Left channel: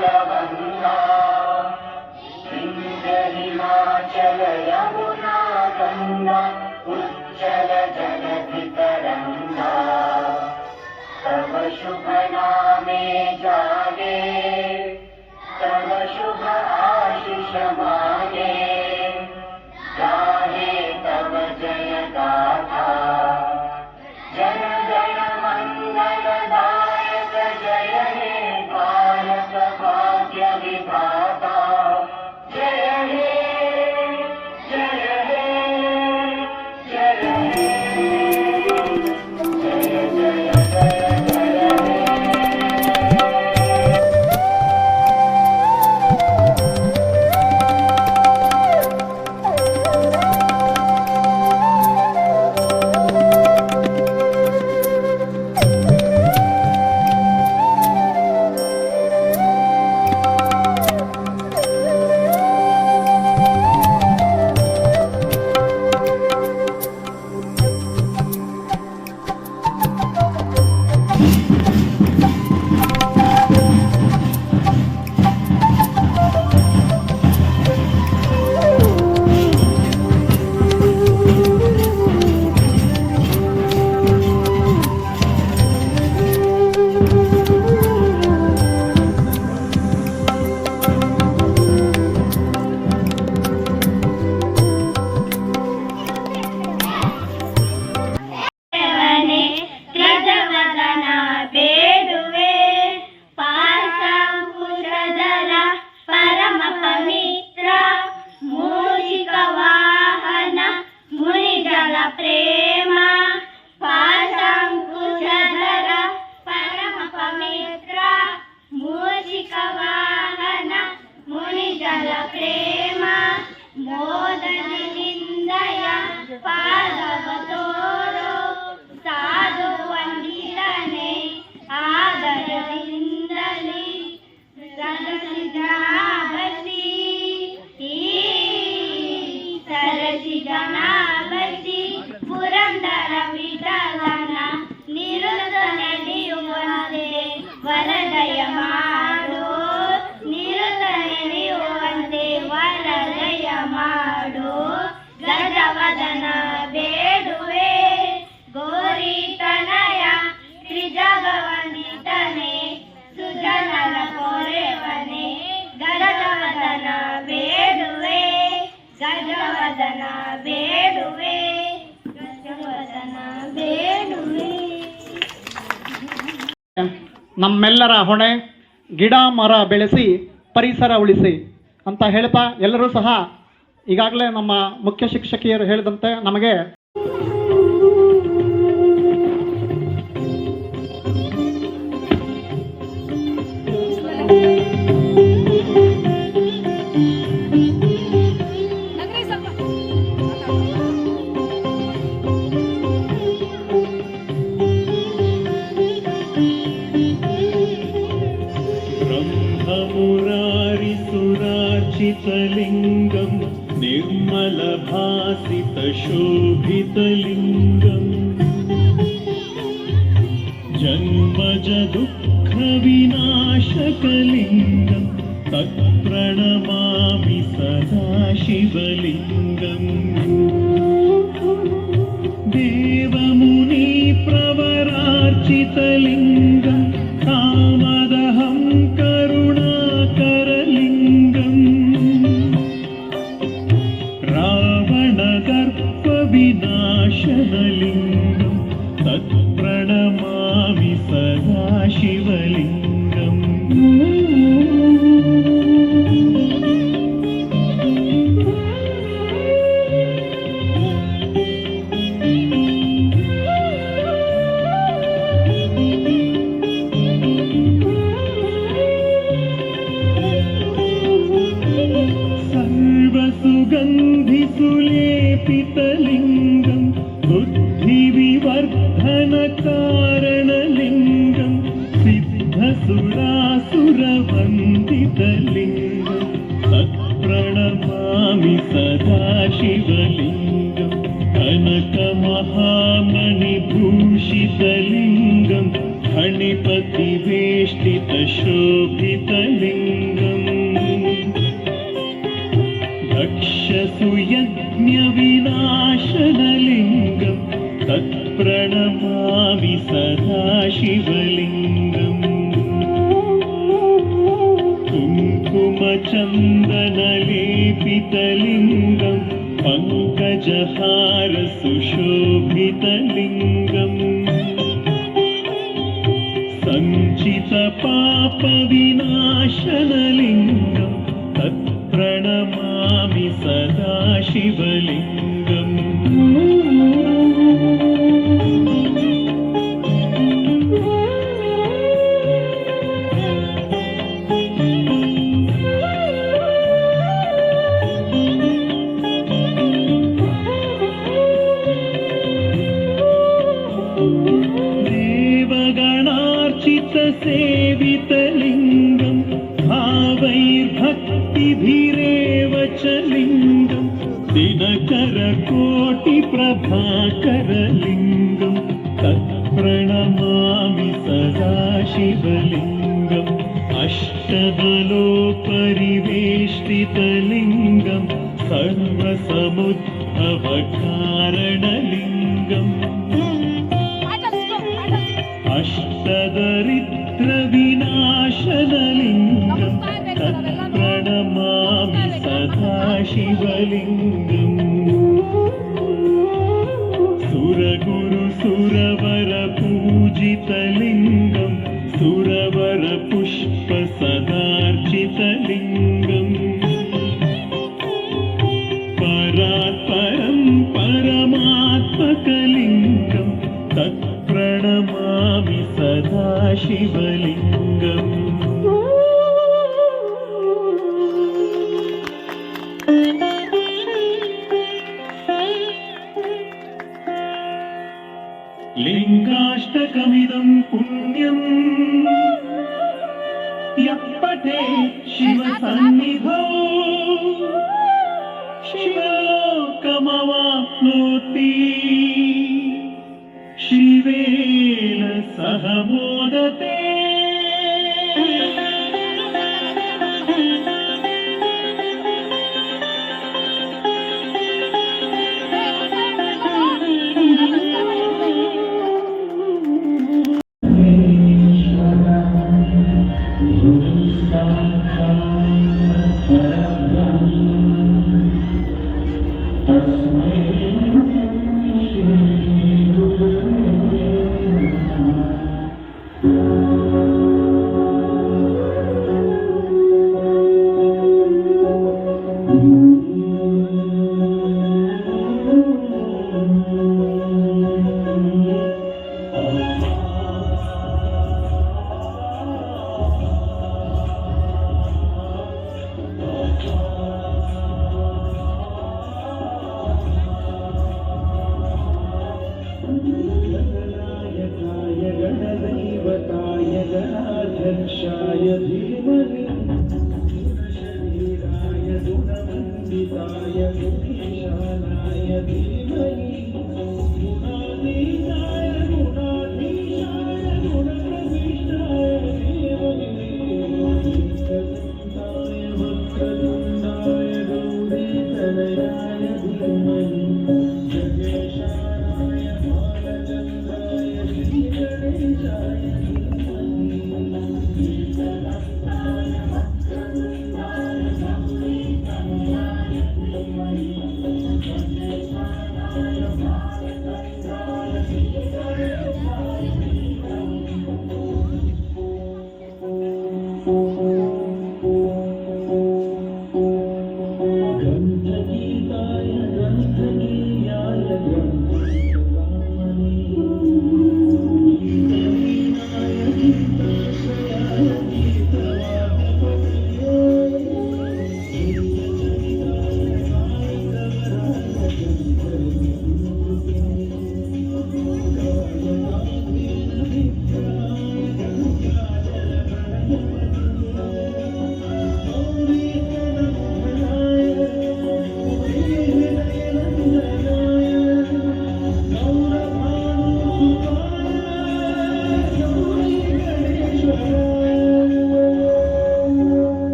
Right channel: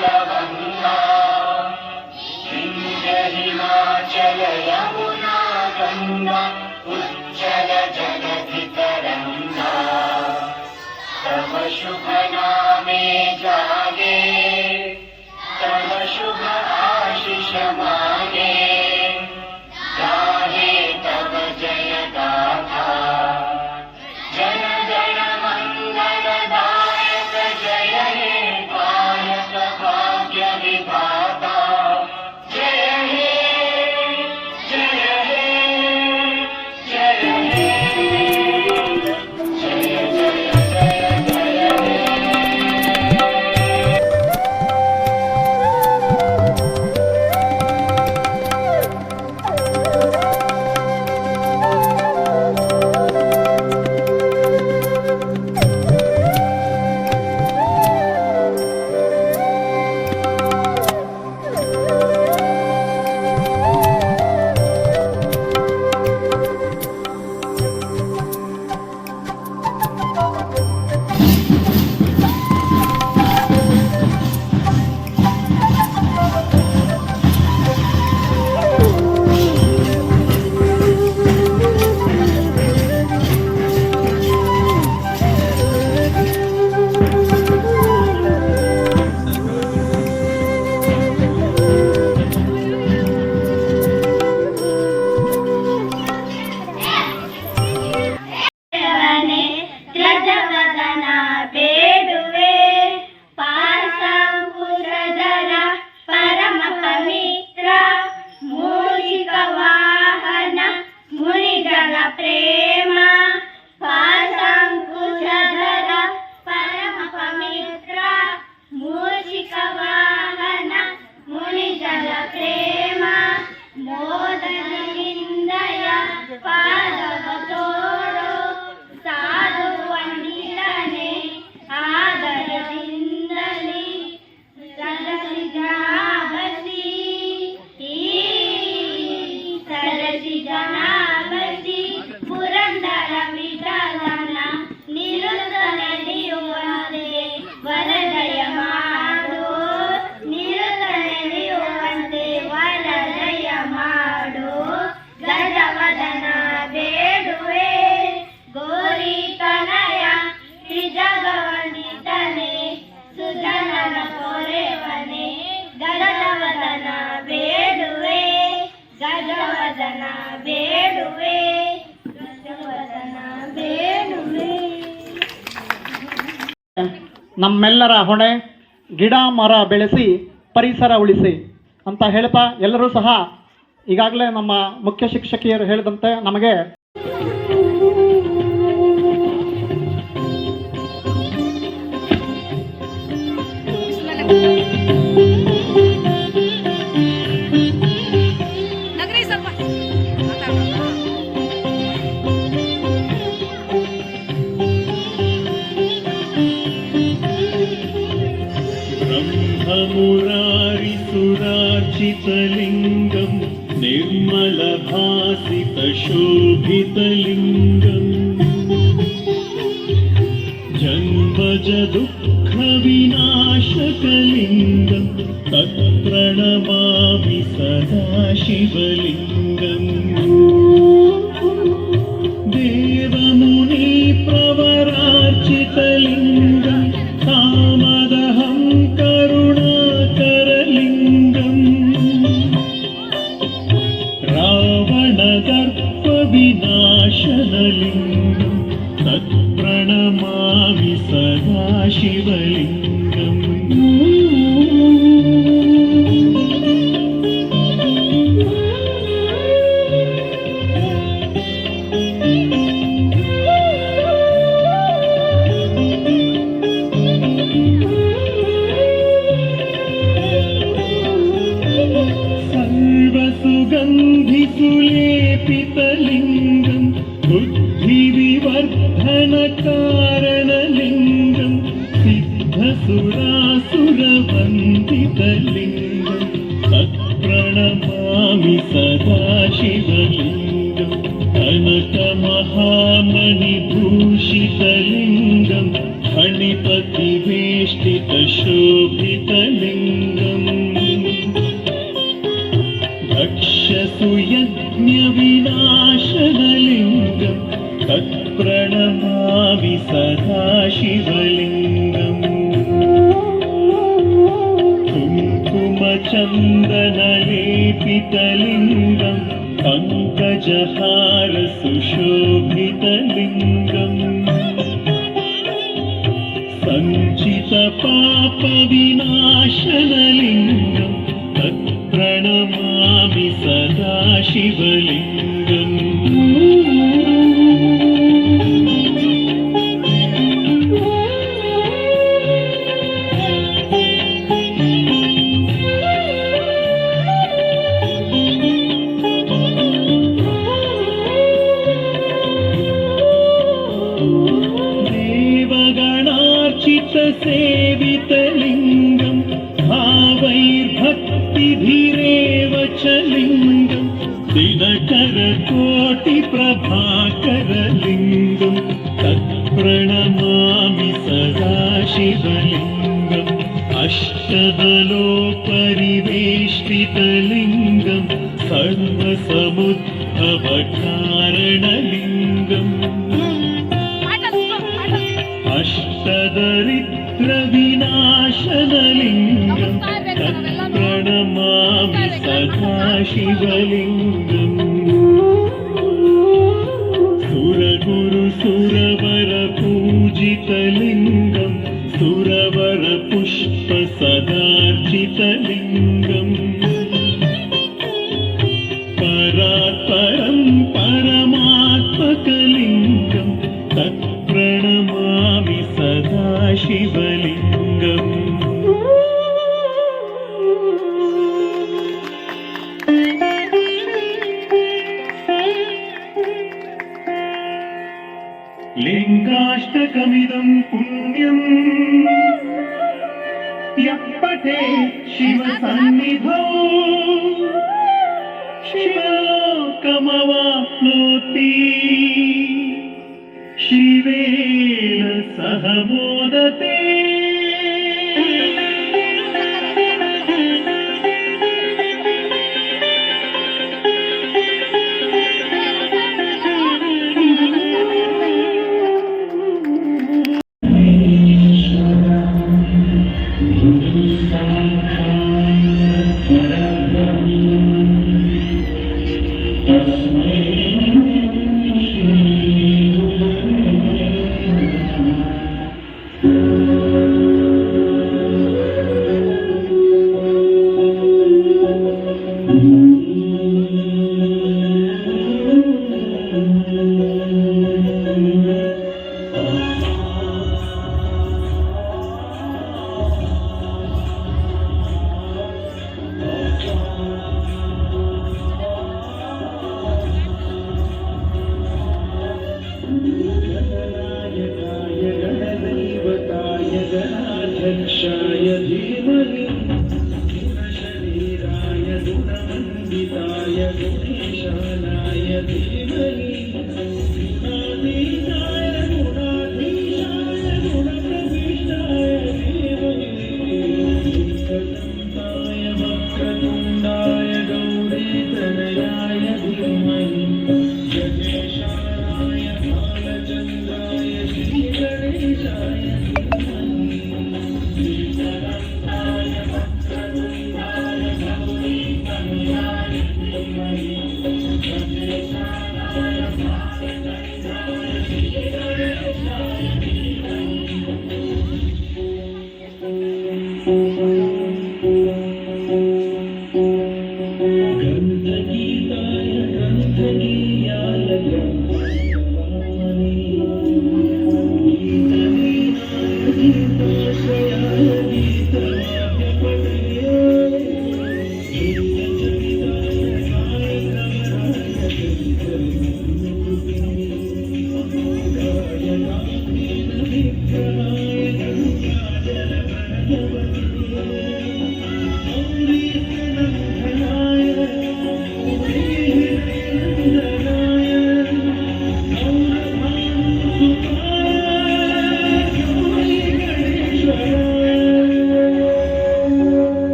जलवन्ना विन्ध्य हिमाचल यमुना गंगा उज्जल जलधितरंगा तव शुभ नामे जागे तव शुभ आशीष मागे गाहे तव जय गाथा जन गण मंगलदायक जय हे भारत भाग्य विधाता जय हे जय हे जय हे जय जय ನಮ್ಮೆಲ್ಲರ ಹೊಣೆ ಗಿಡ ಮರ ಬೆಳೆಸಿ ಪರಿಸರ ಉಳಿಸಿ ಅಂತ ಹೇಳ್ತಾ ಎಲ್ಲರೂ ಸಹ ಈಗಾಗಲೇ ನಮ್ಮ ಮುಖ್ಯ ಶಿಕ್ಷಕಿಯರು ಹೇಳಿದಂತೆ ನಮಗೆ मुरारिसुरार्चितलिङ्गं निर्मलभासितशोभितलिङ्गं जन्मजदुःखविनाशकलिङ्गं तत्प्रणमामि सदा शिवलिङ्गम् देवमुनिप्रवरार्चितलिङ्गं कामदहं रावणदर्पविनाशनलिङ्गं तत्प्रणमामि सदा शिवलिङ्गम् सर्वसुगन्धिसुलेपितलिङ्गं बुद्धिविवर्धनकारणलिङ्गं सिद्धसुरासुरवन्दितलिङ्गं तत्प्रणमामि सदा शिवलिङ्गं कनकमहामणिभूषितलिङ्गं फणिपतिवेष्टितशोभितलिङ्गं चन्दनलेपितलिङ्गं पङ्कजहार सुशोभितलिङ्गम् सञ्चितपापविनाशनलिङ्गं तत्प्रणमामि सदा शिवलिङ्गम् सेवितलिङ्गं भावैर्भक्तिभिरेव च लिङ्गं दिनकरकोटिप्रभाकरलिङ्गं तत्प्रणमामि सदा शिवलिङ्गम् अष्टदलोपरिवेष्टितलिङ्गं सर्वसमुद्भवकारणलिङ्गम् अष्टदरिद्रविनाशनलिङ्गं तत्प्रणमामि सदा शिवलिङ्गम् सुरगुरुसुरवरपूजितलिङ्गं सुरवरपुष्पसदार्चितलिङ्गम् परात्परं परमात्मकलिङ्गं तत्प्रणमामि सदा शिवलिङ्गम् लिङ्गाष्टकमिदं पुण्यम् यः पठेत् शिवसन्निधौ शिवलोकमवाप्नोति शिवेन सह मोदते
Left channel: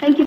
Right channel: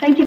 Thank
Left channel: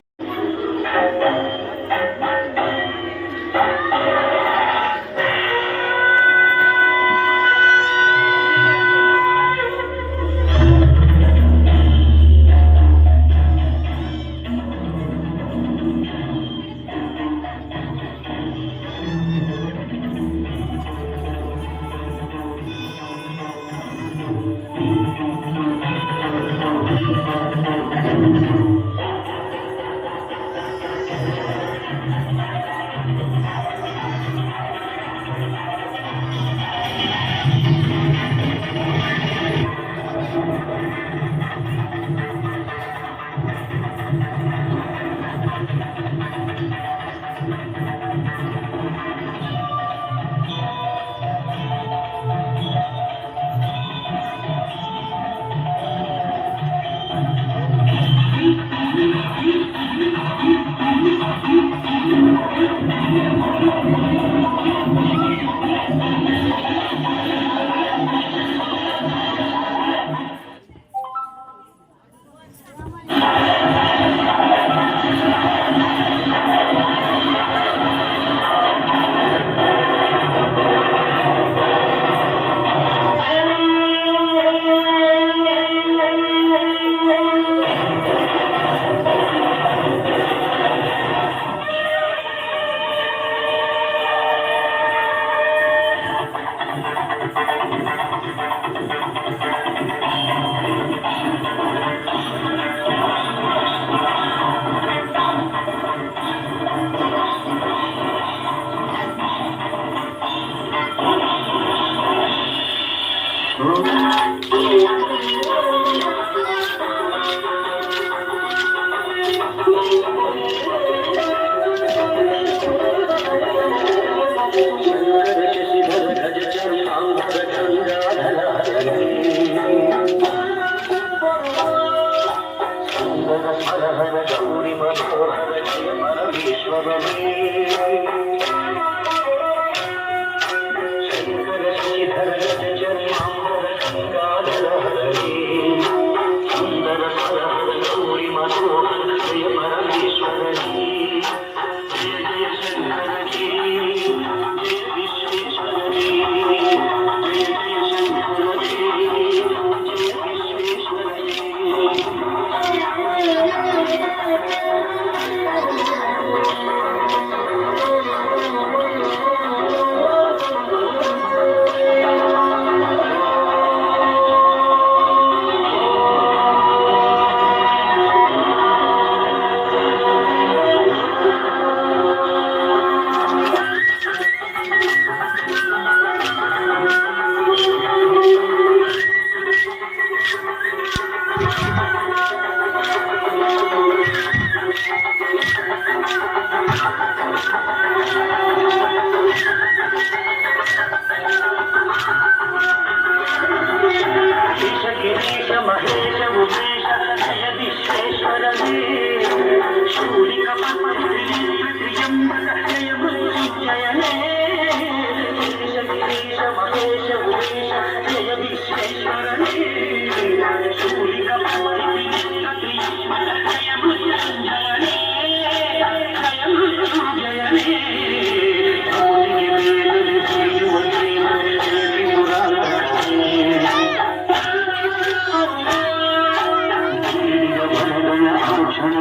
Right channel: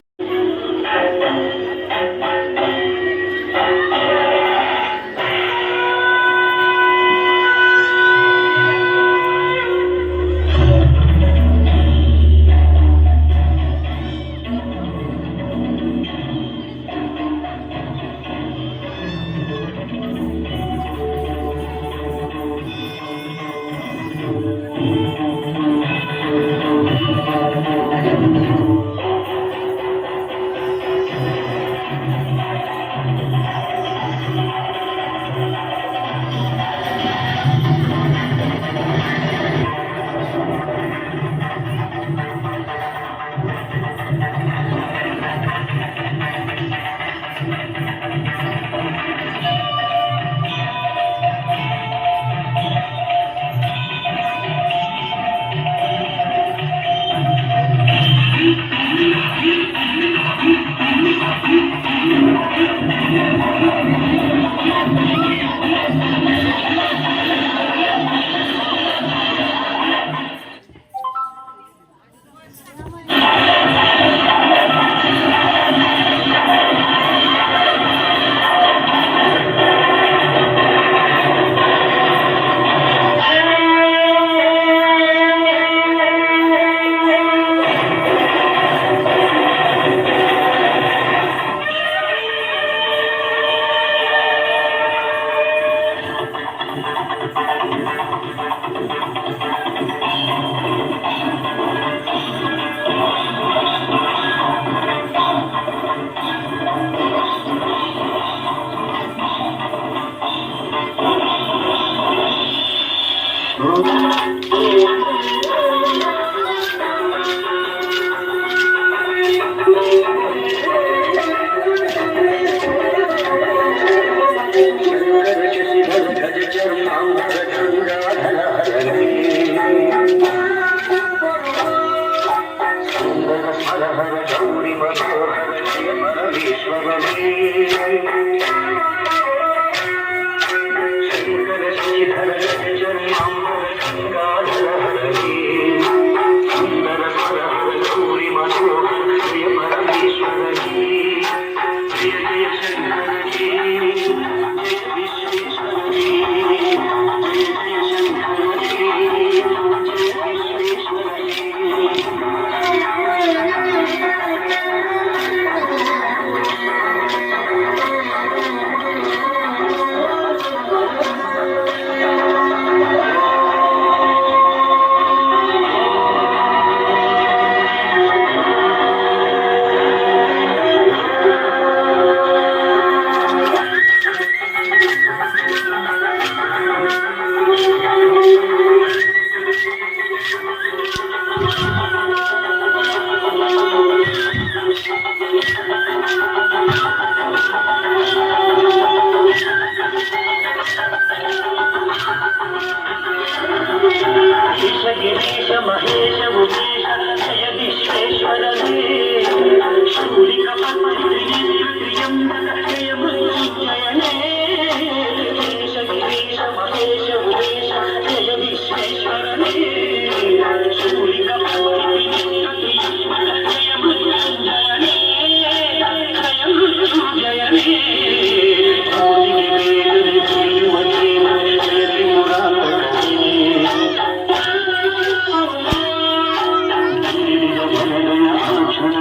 you.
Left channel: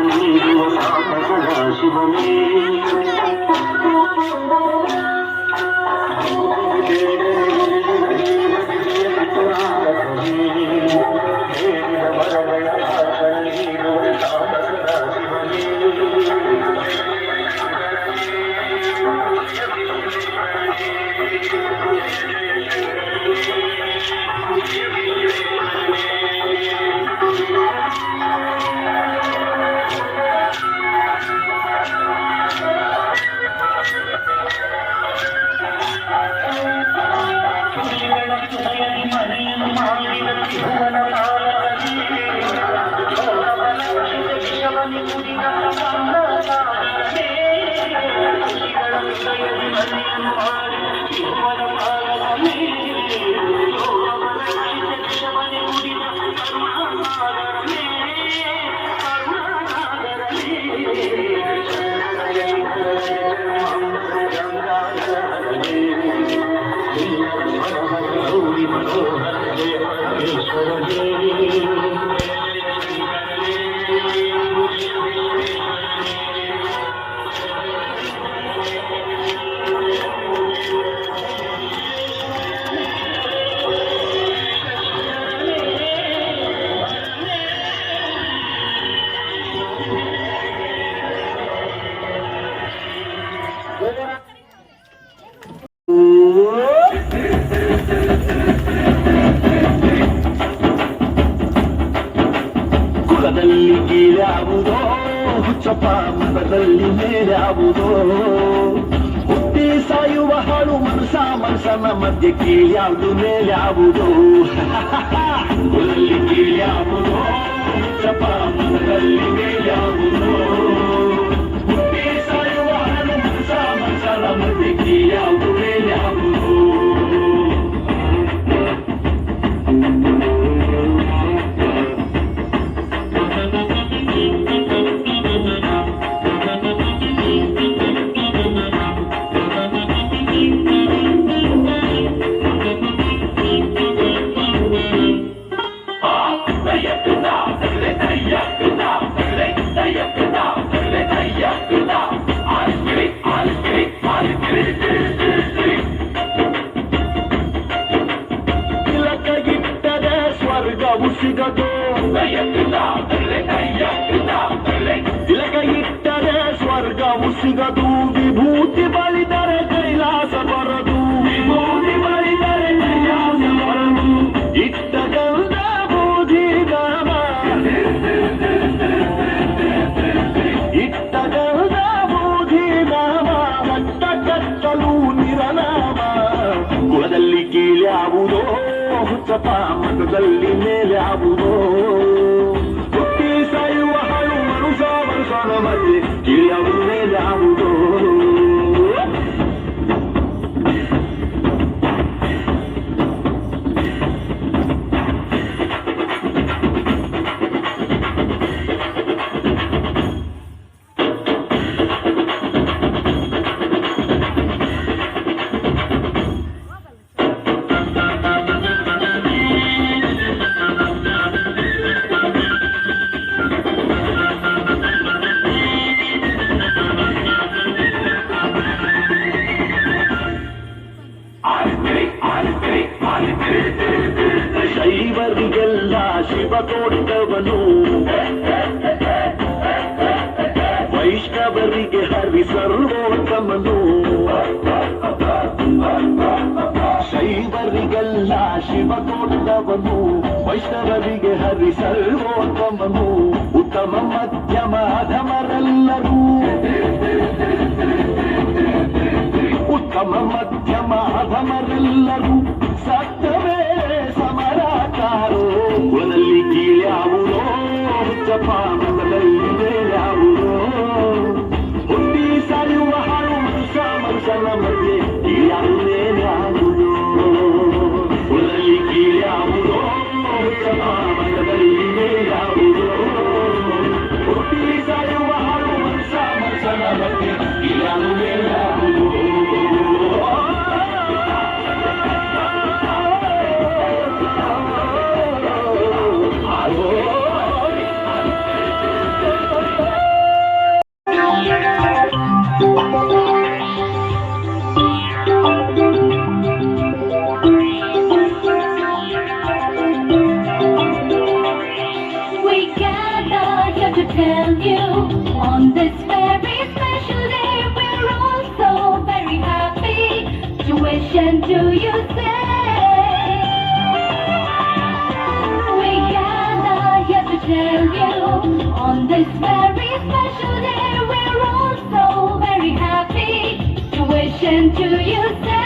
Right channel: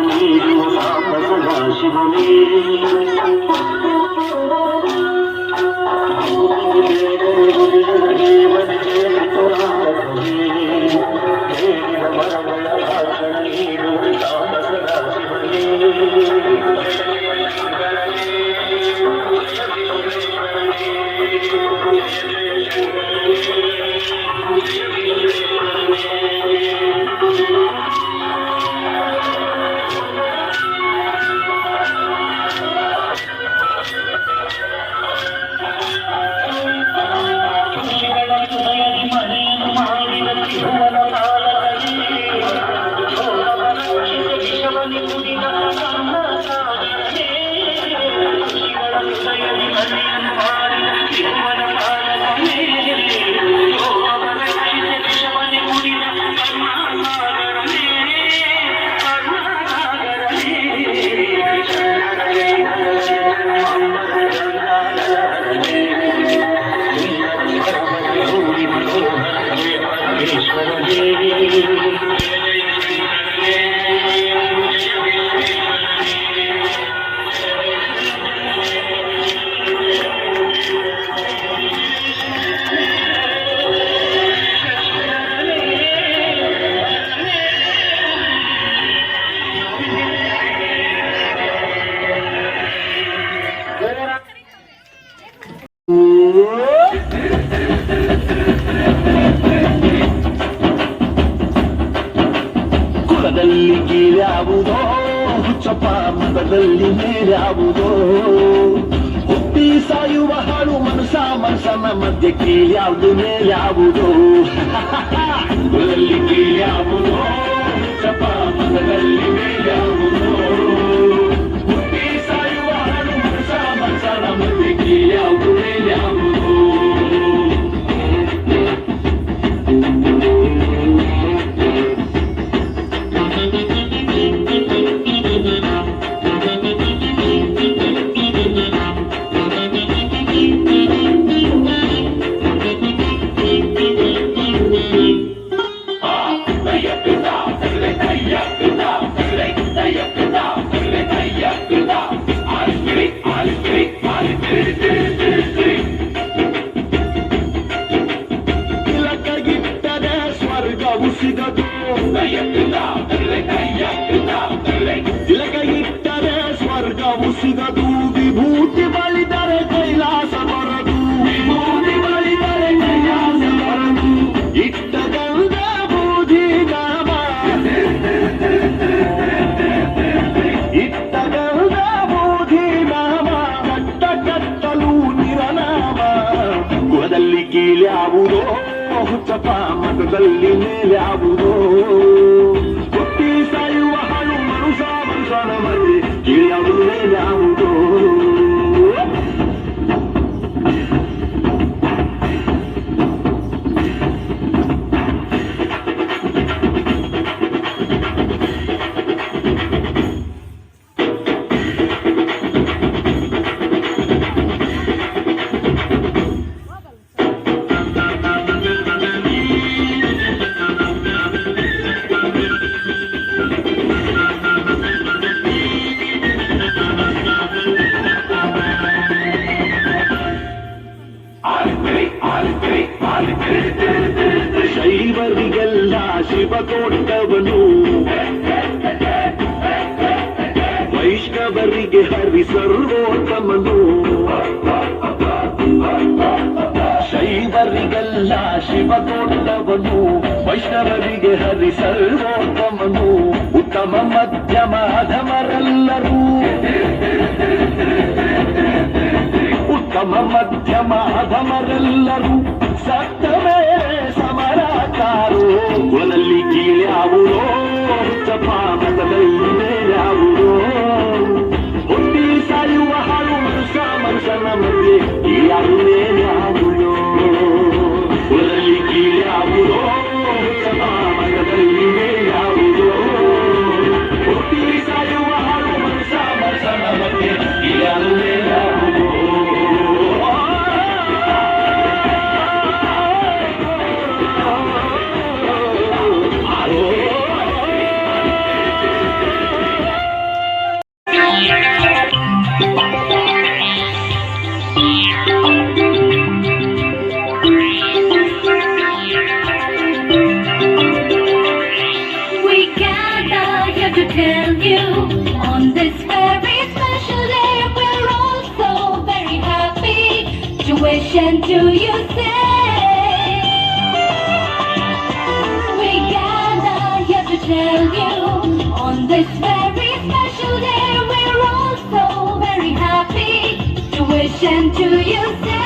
ಮಧ್ಯೆ ಕೀಳ್ಯಾವುದು ಮೇಲ್ಯಾವುದೋ ಕುಲದಲ್ಲಿ ಕೀಳ್ಯಾವುದೋ ಚಪ ಮನದಲ್ಲಿ ಮೇಲ್ಯಾವುದೋ ಹುಟ್ಟಿ ಸಾಯುವ ಹಣ್ಣು ಮನುಷ್ಯನ ಮಧ್ಯೆ ಕೀಳ್ಯಾವುದು ಮೇಲ್ಯಾವುದೋ ತಿಲಕಗಿಟ್ಟರೆ ಸ್ವರ್ಗವು ಸಿಗದು ತಿಲಕಗಿಟ್ಟರೆ ಸ್ವರ್ಗವು ಸಿಗದು ವಿಭೂತಿ ಬಳಿದರೆ ಕೈಲಾಸ ಬರದು ವಿಭೂತಿ ಬಳಿದರೆ ಕೈಲಾಸ ಬರದು ಇಟ್ಟ ಗಂಧ ಬೂದಿ ನಾಮ ಇಟ್ಟ ಗಂಧ ಬೂದಿ ನಾಮ ನಟ್ಟ ಕಟ್ಟಲು ನಿರನಾಮ ಕುಲದಲ್ಲಿ ಕೀಳ್ಯಾವುದೋ ಹುಚ್ಚಪ್ಪ ಮತದಲ್ಲಿ ಮೇಲ್ಯಾವುದೋ ಹುಟ್ಟಿ ಸಾಯುವ ಹಣ್ಣು ಮನುಷ್ಯನ ಮಧ್ಯೆ ಕೀಳ್ಯಾವುದು ಮೇಲ್ಯಾವುದೋ ಶೈವರಿಗೆಲ್ಲ ಶಿವ ಕೊಟ್ಟವನು ವೈಷ್ಣವರಿಗೆ ಹರಿ ಸರ್ವೋತ್ತಮನು ಶೈವರಿಗೆಲ್ಲ ಶಿವ ಕೊಟ್ಟವನು ವೈಷ್ಣವರಿಗೆ ಹರಿ ಸರ್ವೋತ್ತಮನು ಉತ್ತಮ ಮಧ್ಯಮ ಅಧಮರೆಲ್ಲರೂ ಉತ್ತಮ ಮಧ್ಯಮ ಅಧಮರೆಲ್ಲರೂ ಸತ್ತವೇ ಸಮರಕಾರೋ ಕುಲದಲ್ಲಿ ಕೀಳ್ಯಾವುದೋ ಹುಚ್ಚಪ್ಪ ಮತದಲ್ಲಿ ಮೇಲ್ಯಾವುದೋ ಹುಟ್ಟಿ ಸಾಯುವ ಹಣ್ಣು ಮನುಷ್ಯನ ಮಧ್ಯೆ ಕೀಳ್ಯಾವುದು ಮೇಲ್ಯಾವುದೋ ಕುಲದಲ್ಲಿ ಕೀಳ್ಯಾವುದೋ ಹುಚ್ಚಪ್ಪ ಮತದಲ್ಲಿ ಮೇಲ್ಯಾವುದೋ ಹುಟ್ಟಿ ಸಾಯುವ ಹಣ್ಣು ಮನುಷ್ಯನ ಮಧ್ಯೆ ಕೀಳ್ಯಾವುದು ಮೇಲ್ಯಾವುದೋ We gather here to tell you on this very special day we're all so very happy to wish and to you say. We gather here to tell you on this very special day we're all so very happy to wish and to you say.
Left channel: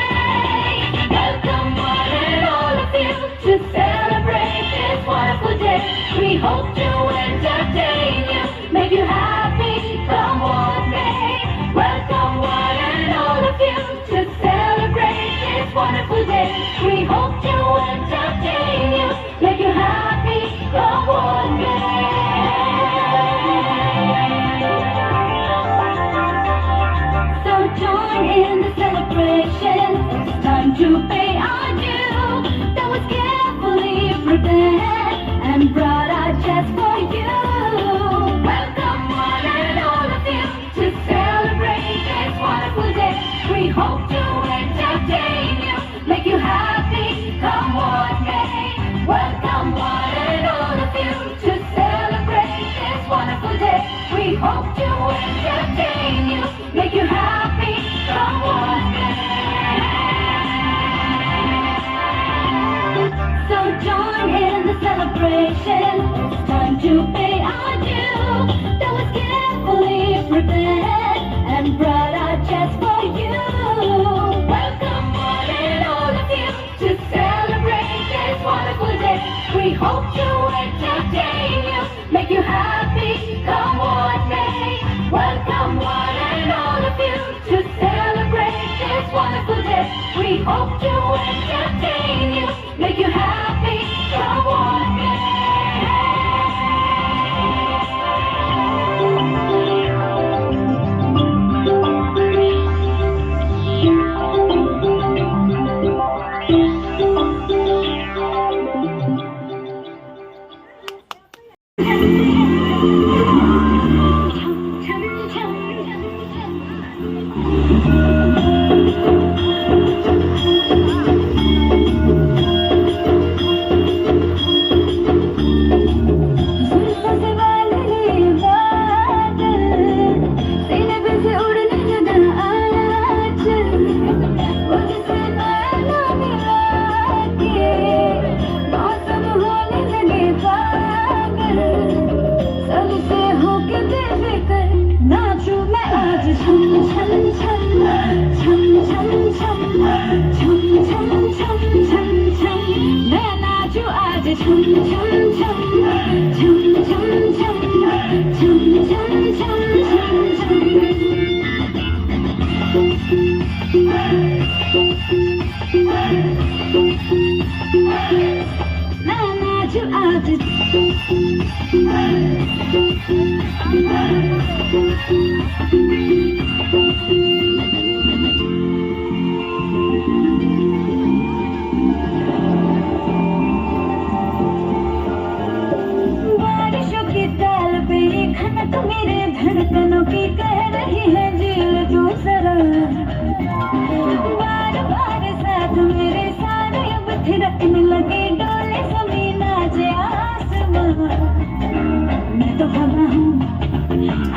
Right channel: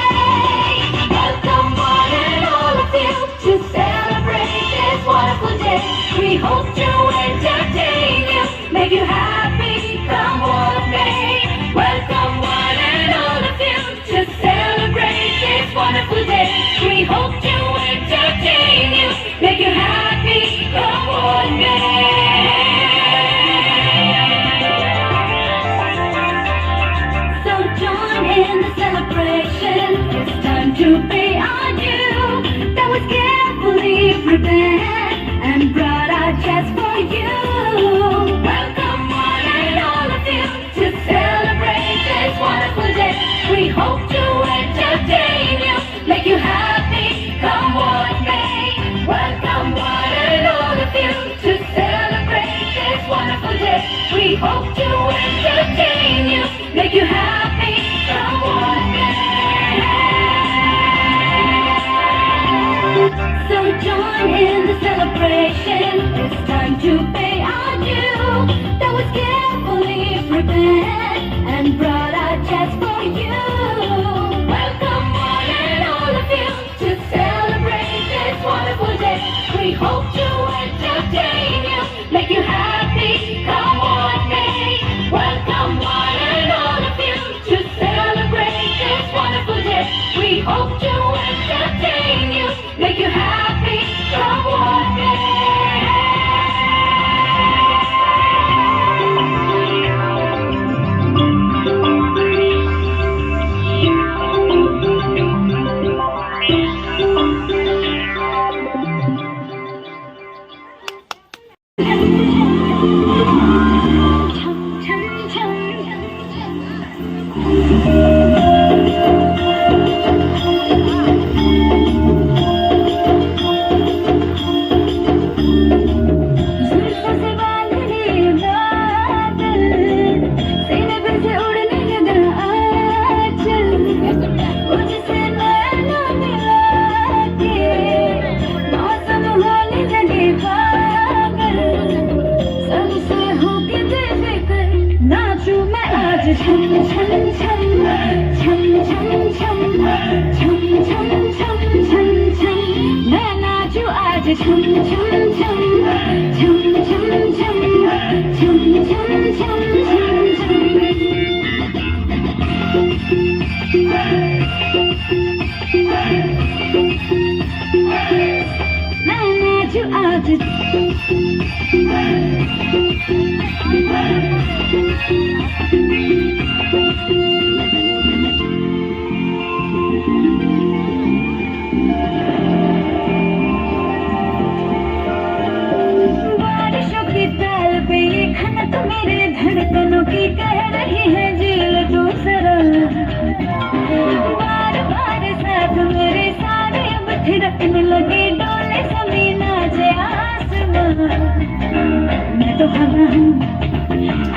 Welcome one and all of you to celebrate this wonderful day. We hope to entertain you, make you happy, come what may. Welcome one and all of you to celebrate this wonderful day. We hope to entertain you, make you happy, come what may. So join in the celebration, it's time to pay our due. That was carefully prepared and brought out just for you. Welcome one and all of you to celebrate this wonderful day. We hope to entertain you, make you happy, come what may. Welcome one and all of you to celebrate this wonderful day. We hope to entertain you, make you happy, come what may. So join in the celebration, it's time to pay our due. That was carefully prepared and brought out just for you. Welcome one and all of you We hope to entertain you, make you happy. Come on, me. Welcome one and all of you to celebrate this wonderful day. We hope to entertain you, make you happy. Come on, me. बारिशों की ताल पे ये खनक मेरे धड़कनों की कह रही है दिल तू सरल बार बार साथ मेरे सारे अब थिरकने लगे डोले जमीन नाचे आसमां मैं तो हवा हूँ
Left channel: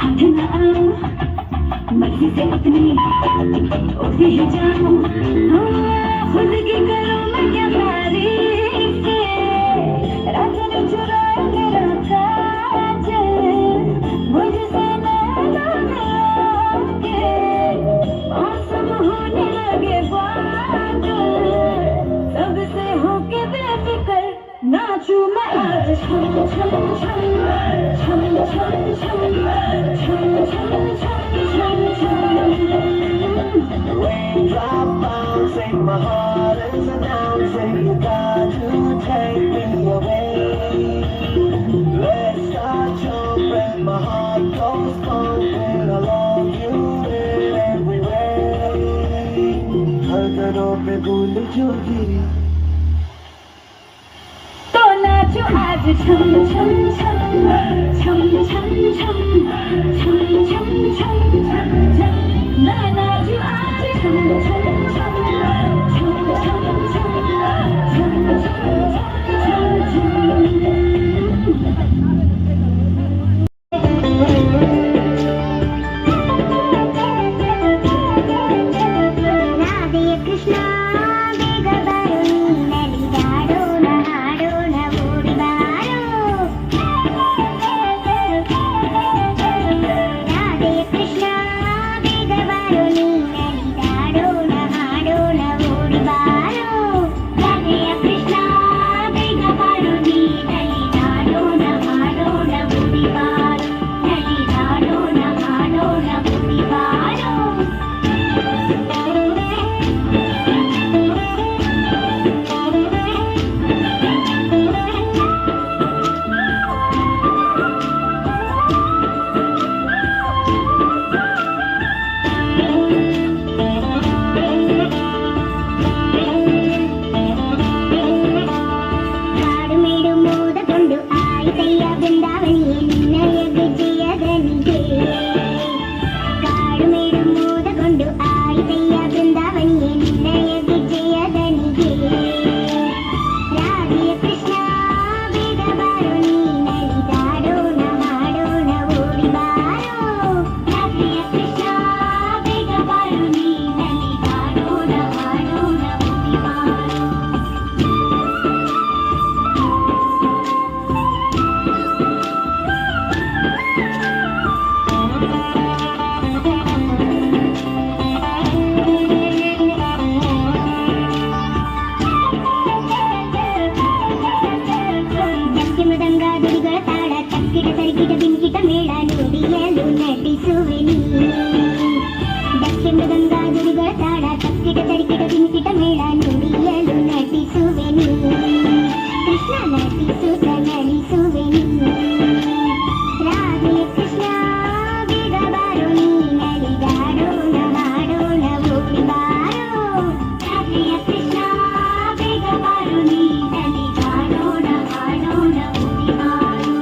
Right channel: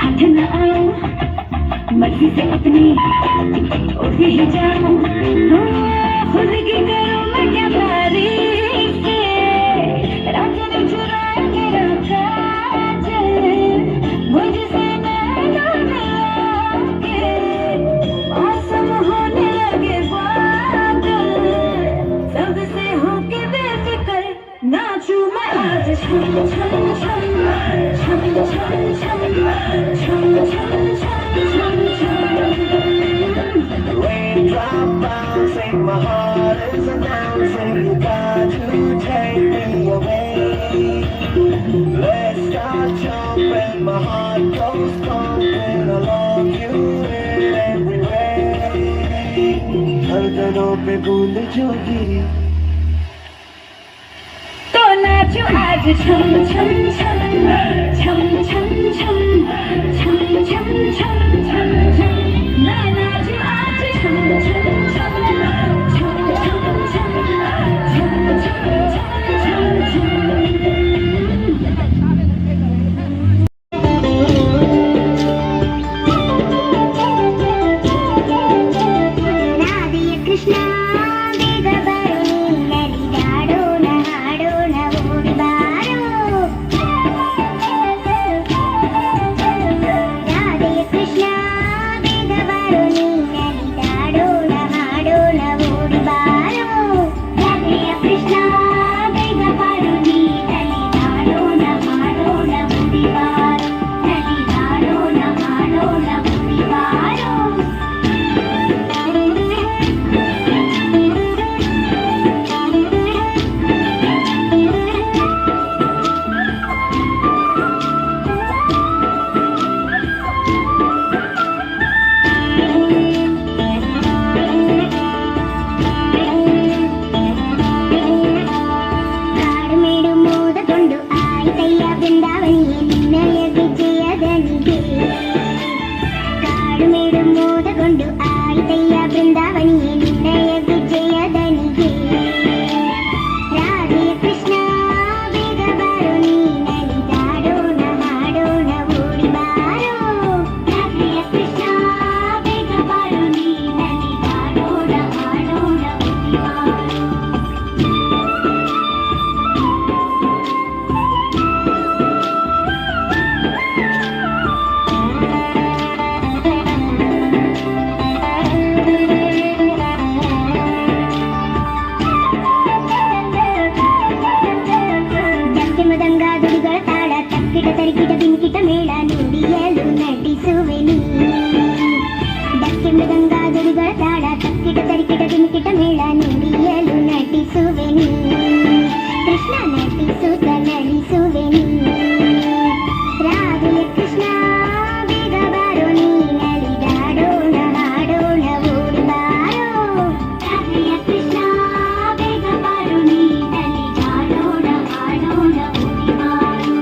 हाथ न आऊं मर्जी से अपनी उड़ ही जाऊं खुद की करूं मैं क्या तारीफ रात में चुरा के रखा मुझसे नैना मिलाके मौसम होने लगे बादल सबसे होके बेफिक्र नाचूं मैं आज छम छम छम छम छम छम छम छम छम छम Raindrop bouncing, my heart is announcing you got to take me away. Let's start jumping, my heart goes pumping. I love you in every way. धड़कनों पे बूंद जो गिरी तो नाचो आज छम छम छम छम छम छम छम छम छम छम छम मैं नाचो आज छम छम छम छम छम छम छम छम छम Radhe Krishna Krishna, Bigavaru, Nani, Dado, ತರಿಕಿಟ ಬಿಂಕಿಟ ಮೇಳ ನುಡಿಯಲು ನಟಿಸುವೆನು ಡಕ್ಕೆ ಮೃದಂಗ ಜಡಿಗಳ ತಾಳ ತಕ್ಕಿಟ ತರಿಕಿಟ ಬಿಂಕಿಟ ಮೇಳ ನುಡಿಯಲು ನಟಿಸುವೆನು ಕೃಷ್ಣ ನಟಿಸುತ್ತ ನಲಿಸುವೆನು ರಾಧೆ ಕೃಷ್ಣ ಬೇಗ ಬಾರೋ ನೀ ನಲಿದಾಡೋಣ ಹಾಡೋಣ ಓಡಿ ಬಾರೋ ರಾಧೆಯ ಕೃಷ್ಣ ಬೇಗ ಬಾರೋ ನೀ ನಲಿದಾಡೋಣ ಹಾಡೋಣ ಓಡಿ ಬಾರೋ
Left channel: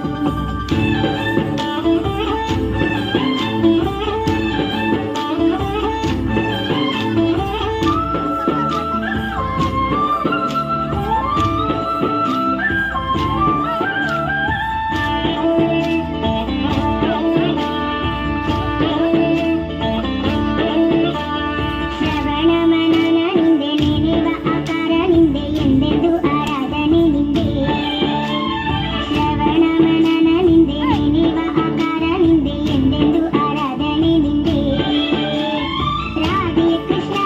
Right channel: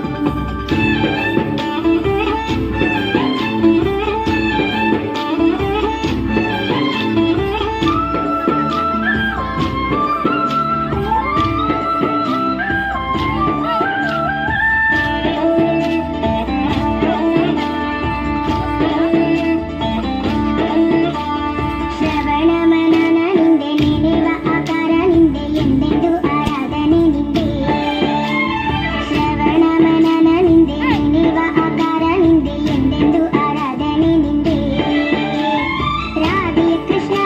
ಶ್ರವಣ ಮನನ ನಿಂದೆ ನೀಡುವ ಆಕಾರ ನಿಂದೆ ಎಂದೆಂದು ಆರಾಧನೆ ನಿಂದೆ ಶ್ರವಣ ಮನನ ನಿಂದೆ ನೀಡುವ ಆಕಾರ ನಿಂದೆ ಎಂದೆಂದು ಆರಾಧನೆ ನಿಂದೆ ರಾಧೆ ಕೃಷ್ಣ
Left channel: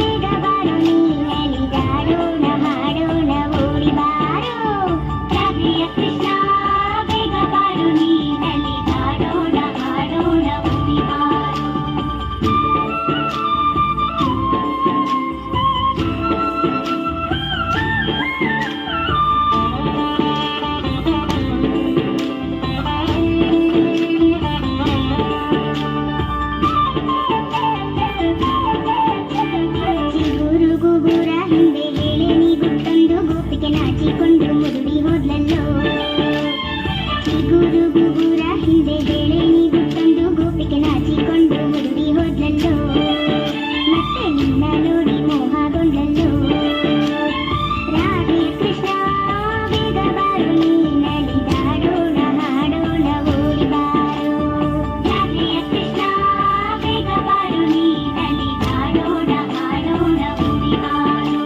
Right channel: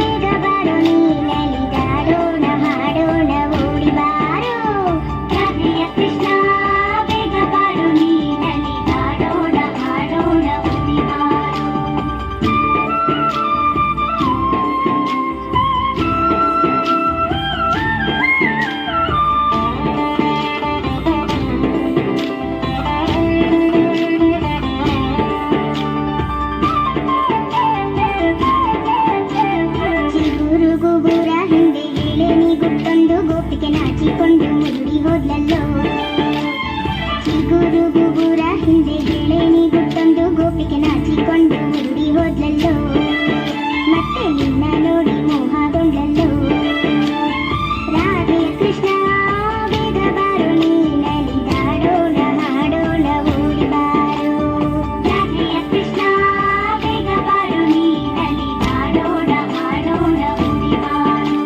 ಬೇಗ ಬಾರೋ ನೀ ನಲಿದಾಡೋಣ ಹಾಡೋಣ ಓಡಿ ಬಾರೋ ರಾಧೆಯ ಕೃಷ್ಣ ಬೇಗ ಬಾರೋ ನೀ ನಲಿದಾಡೋಣ ಹಾಡೋಣ ಓಡಿ ಬಾರೋ ಚಿಗುರು ಗುಗುರ ಹಿಂದೆ ವೇಳೆ ನೀಗುತ್ತೊಂದು ಗೋಪಿಗೆ ನಾಚಿಕೊಂಡು ಮುರುಳಿ ಹೋದ್ಲಲ್ಲೋ ಚಿಗುರು ಗುಗುರ ಹಿಂದೆ ವೇಳೆ ನೀಗುತ್ತೊಂದು ಗೋಪಿಗೆ ನಾಚಿಕೊಂಡು ಮುರುಳಿ ಹೋದ್ಲಲ್ಲೋ ಮತ್ತೆ ನಿನ್ನ ನೋಡಿ ಮೋಹಗೊಂಡಲ್ಲೋ ರಾಧೆ ಕೃಷ್ಣ ಬೇಗ ಬಾರೋ ನೀ ನಲಿದಾಡೋಣ ಹಾಡೋಣ ಓಡಿ ಬಾರೋ ರಾಧೆಯ ಕೃಷ್ಣ ಬೇಗ ಬಾರೋ ನೀ ನಲಿದಾಡೋಣ ಹಾಡೋಣ ಓಡಿ ಬಾರೋ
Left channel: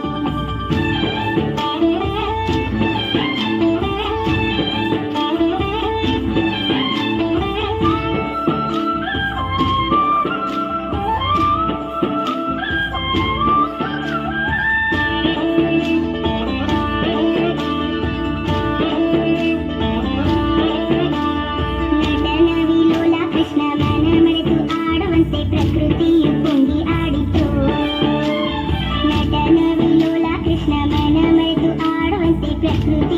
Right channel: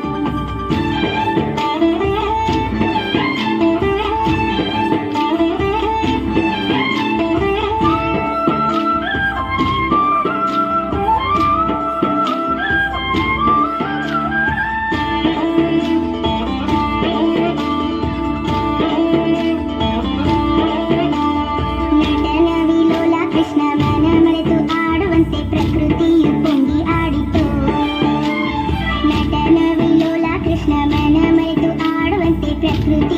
ನಟನ ವಿಲೋಲ ಕೃಷ್ಣ ಮನ ಮರೆತು ಆಡುವಂತೆ ಪ್ರಕೃತಿಯು ತುಂಬಿ ಆಡಿತು ನಟನ ವಿಲೋಲ ಕೃಷ್ಣ ಮನ ಮರೆತು ಆಡುವಂತೆ ಪ್ರಕೃತಿ